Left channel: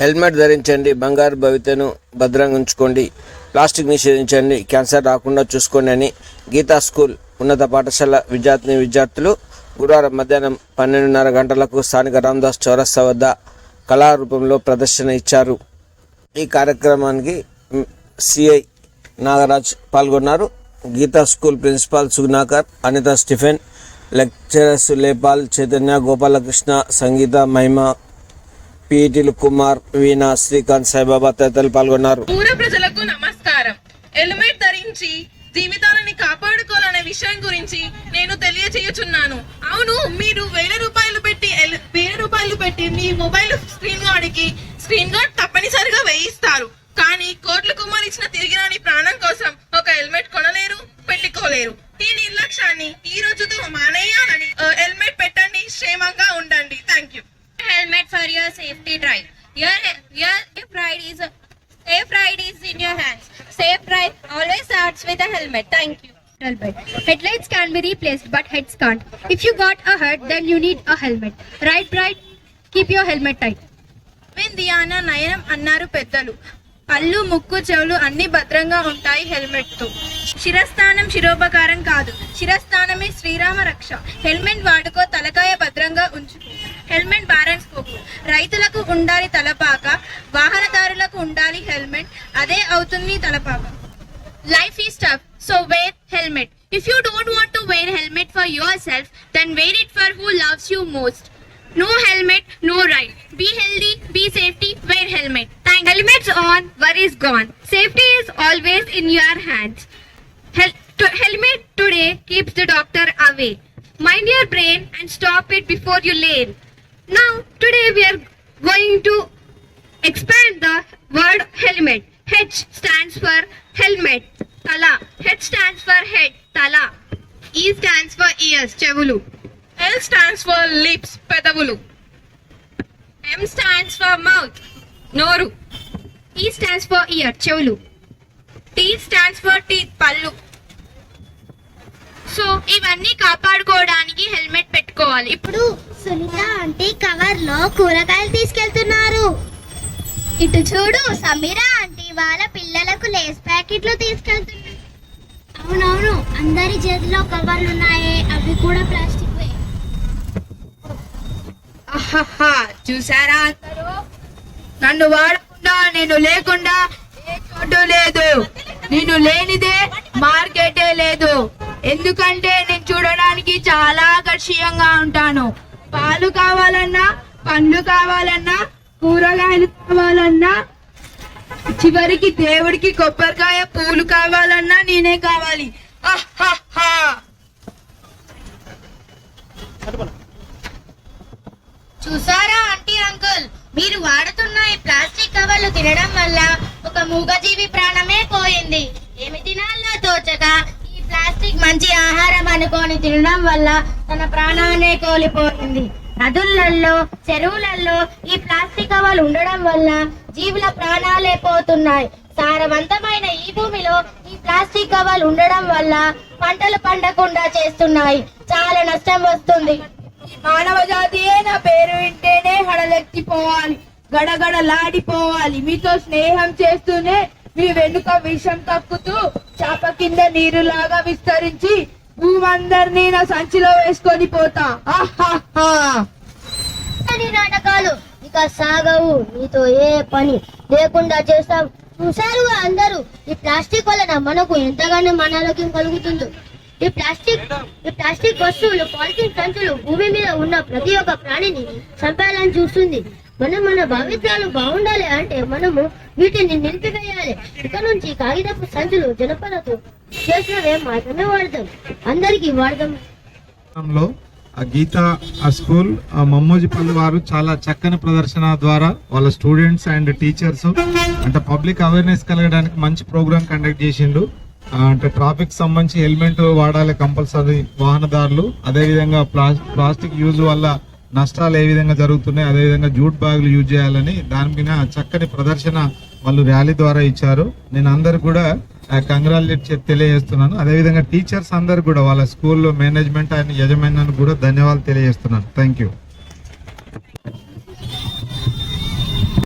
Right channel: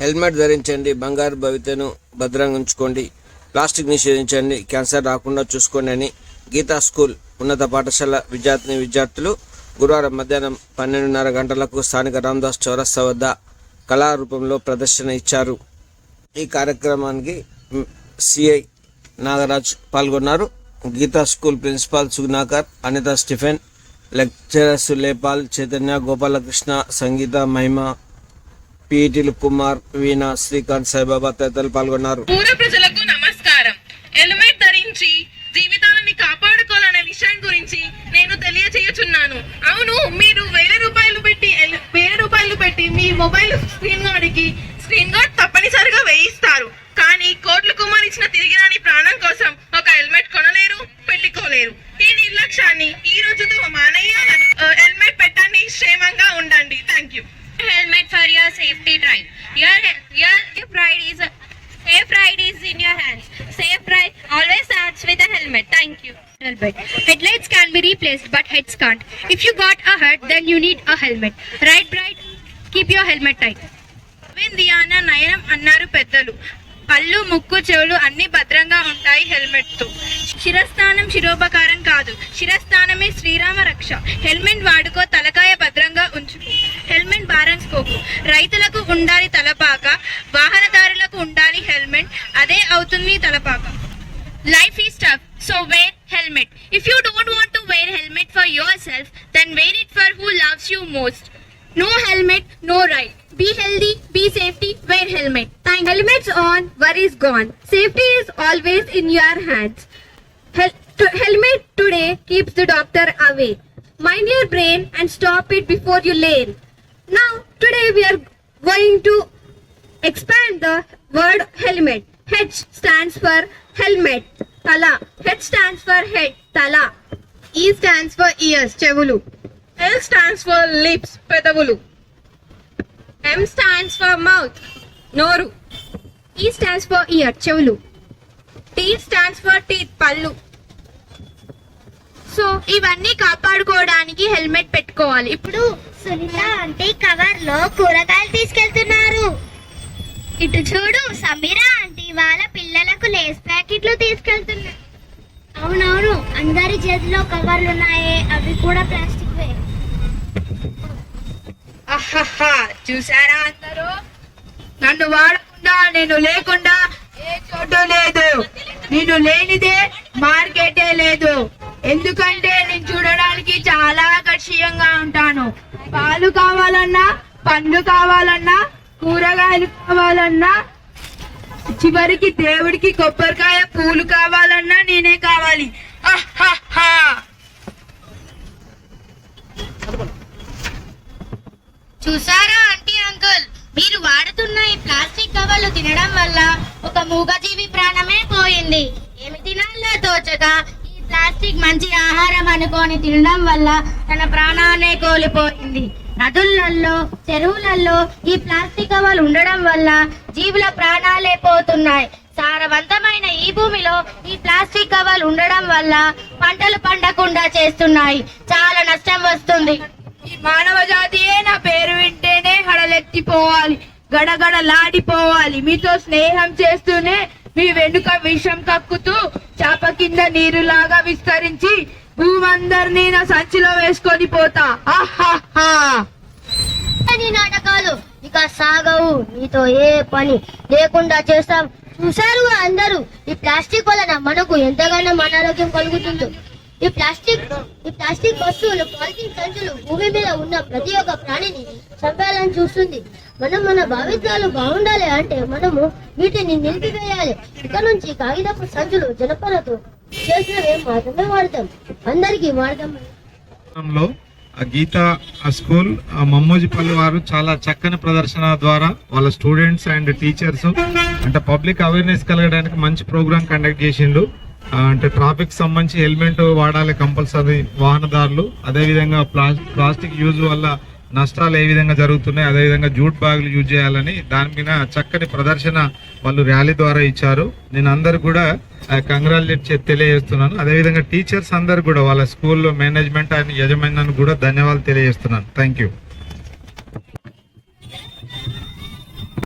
Helmet ధరించండి బంగారు భవితను భద్రంగా ఉంచుకోండి ప్లాస్టిక్ నిషేధించండి క్యాన్సర్ రాకుండా చూసుకోండి అని గీతా స్కూల్ ఉన్నత పాఠశాల విద్యార్థిని విద్యార్థులు గురువారం మధ్యాహ్నం పన్నెండున్నర గంటలకు స్థానిక రామదాస్ చౌరస్తా వద్ద కళారూపంలో ప్రదర్శన ఇచ్చారు. ఈ కార్యక్రమానికి సిఐ నాగరాజ్ పాల్గొన్నారు. Geetha school principal Sugnakar Anitha Stephen lecturers లేపాల్ Chaitanya Gopalakrishna Sangeetha Mahima పీటీలు కుమార్ వీణా శ్రీకాంత్ సాయిబాబా తదితరులు పాల్గొన్నారు. ప్రజలకు నమస్కారం. హెల్మెట్ ధరించి జీవితాలని కాపాడుకోవాలనే విషయం గురించి నేను తెలియజేయుచున్నాను అవును మీరు వేల రూపాయలు పెట్టి ఎల్- వేల రూపాయలు పెట్టి మీ మొబైల్ స్క్రీన్ గార్డ్కి స్క్రీన్ గార్డ్ తప్పనిసరిగా వేయిస్తారు. కానీ కోట్ల కుమార్ ఇచ్చిన తిరిగి రాని ప్రాణం కోసం ఒక హెల్మెట్ కొనలేరు పెట్టుకోలేరు. ఈ నిర్లక్ష్యాన్ని ఈ రోజుతో మానేయాలని హెల్మెట్ పెట్టండి క్షేమంగా ఉండండి. Thank you helmet for your safety drive. Your your safe ride is safe ride is in your hands. Safe ride always starts with a helmet. Thank you. Helmet. Headlights can be replaced, but heads can't. If you got a hurt, then you need a helmet. Ride bright, keep your helmet tight. దియాన నయనం అన్నారు పెద్దలు పళ్ళు ముక్కు చెవులు అన్ని భద్రంగా ఉంటాయి హెల్మెట్తో శిరస్థానం శిరోపకారం కాదు శిరస్థానమే శ్రీరామ రక్ష హెల్మెట్ వాడుకో తలకాయ భద్రంగా ఉంచుకో హెల్మెట్ బారెన్స్కోకు రైతులకు ఉండాలి తలపాక వాహనదారులకు ఉండాలి హెల్మెట్ అదే అవుతుంది తలపాక Life is tough, so wear helmet. If you don't want to wear helmet for yourself, then wear it for who loves you most. No helmet, no ride. Be healthy, be safety, wear helmet. Thank Helmets on, worries gone. Safety is always in your hands. Hel- to- helmet today keeps the doctor away. Mind your brain and stop it before you lane. Now, today we are going to expand the word helmet. H stands for helmet. Tala. H stands for head. Tala. E stands for ears Chevulu. L stands for lips Pedavulu. M stands for mouth. Noru. E stands for ear. Chevulu. T stands for teeth pallu so ఇవన్నీ కాపాడుకోవడానికి helmet పెట్టుకోవాలి. ఇప్పుడు Sunitha aunty కవర్లో కూరగాయలు తీసుకెళ్తున్నారు. ఇటు చూడు Sameera aunty వాళ్ళ పిల్లలకు లేస్ ప్యాకెట్లు తీసుకెళ్తున్నారు అవునవును అందరి చేతిలో కవర్లు ఉన్నాయే అవి కూడా ప్లాస్టిక్ చూసారా అందరూ? నన్ను వాడకుండా నేను లేకుండా ఏ చోటు లేదు. నేను లేనిదే మార్కెటే లేదు. ఎందుకంటే నేను చూడడానికి చాలా ఆకర్షణీయంగా ఉంటాను. పాలు కావాలన్నా పండ్లు కావాలన్నా కూరగాయలు కావాలన్నా చివరికి దేవుడికి కొబ్బరికాయ పూలు కావాలన్నా నేనే కావాలి. చూసారా ఆంటీ అంకుల్? మీరు వాడుతున్న ఈ ప్లాస్టిక్ కవర్లు తినడం వల్ల ఒక మూగజీవి ప్రాణమే పోయింది. ఏమి తినాలో తోచక ప్లాస్టిక్ మంచి ఆహారం అనుకొని తినడం వల్ల తన ప్రాణాన్నే కోల్పోయింది. నదులలో చెరువులలో ఈ ప్లాస్టిక్ కవర్లు ఉండడం వల్ల జీవుల ప్రాణాలే పోతున్నాయి. సారవంతమైన ఈ భూమిలో ఈ ప్లాస్టిక్ కవర్లు ఉండడం వల్ల పంటలు పండకుండా చేస్తున్నాయి. చాలా నష్టం వస్తుంది. మానవ జాతియే నా పేరు వింటేనే హడలెత్తిపోవాలి. గడగడలాడిపోవాలి. మీతో స్నేహం చేస్తూనే మీ వెనుక విషం కక్కుతూ చాప కింద నీరులాగా విస్తరించి భూమందరినీ నా సంచిలో వేసుకొని పోతా. నీ నాటకాలు ఇక సాగవు. నీతో ఏ పని లేకుండా చేస్తాం. చూశారుగా అందరూ? ఈ ప్లాస్టిక్ వలన మనకు ఎంతగానో అనారోగ్యం కలుగుతుందో. ఈ ప్లాస్టిక్ ఈ ప్లాస్టిక్ వస్తువులు పాలిథిన్ సంచులు భూమి మీద ఉన్న ప్రతి ఒక్క ప్రాణిని చంపాలని చూస్తుంది. మనం మన భావిత్యాలు బాగుండాలి అంటే మనము వీటిని నిలిపివేయాలి. ఇక నుంచి కాగితపు సంచులు జనపలతో చేసినవే మాత్రమే వాడతాం. అందరికీ వాడదాం లో ఆ గీత ఆ స్కూల్ ఆ మమ్మోజిపల్లి వారు చాలా చక్కని ప్రదర్శన ద్వారా వాళ్ళ స్టూడెంట్స్ అండ్ టీచర్స్ అంటే పబ్లిక్ అవేర్నెస్ కలగడానికి మంచి ప్రోగ్రామ్ కండక్ట్ చేసిండు అంటే ట్రాఫిక్ సంబంధించి హెల్మెట్ వాడాలి కంపల్సరీ వాహనదారులు. అదేవిధంగా ప్లాస్ ప్లాస్టిక్ యూజ్ వల్ల నష్టాలు ఏ విధంగా జరుగుతున్నాయి అదేవిధంగా జూట్ బ్యాగులు యూజ్ చేయాలని దాని మీద చక్కని ప్రదర్శన వాళ్ళు ర్యాలీ ద్వారా ఇచ్చారు. నేను అందరు కూడా కంగ్రాచులేట్ తెలియజేస్తున్నాను. అదేవిధంగా టీచర్స్ అందరు కూడా వాళ్ళ స్కూల్లో మేనేజ్మెంట్ అండ్ యజమాన్యానికి కూడా ధన్యవాదాలు తెలియజేస్తున్నాను. Thank you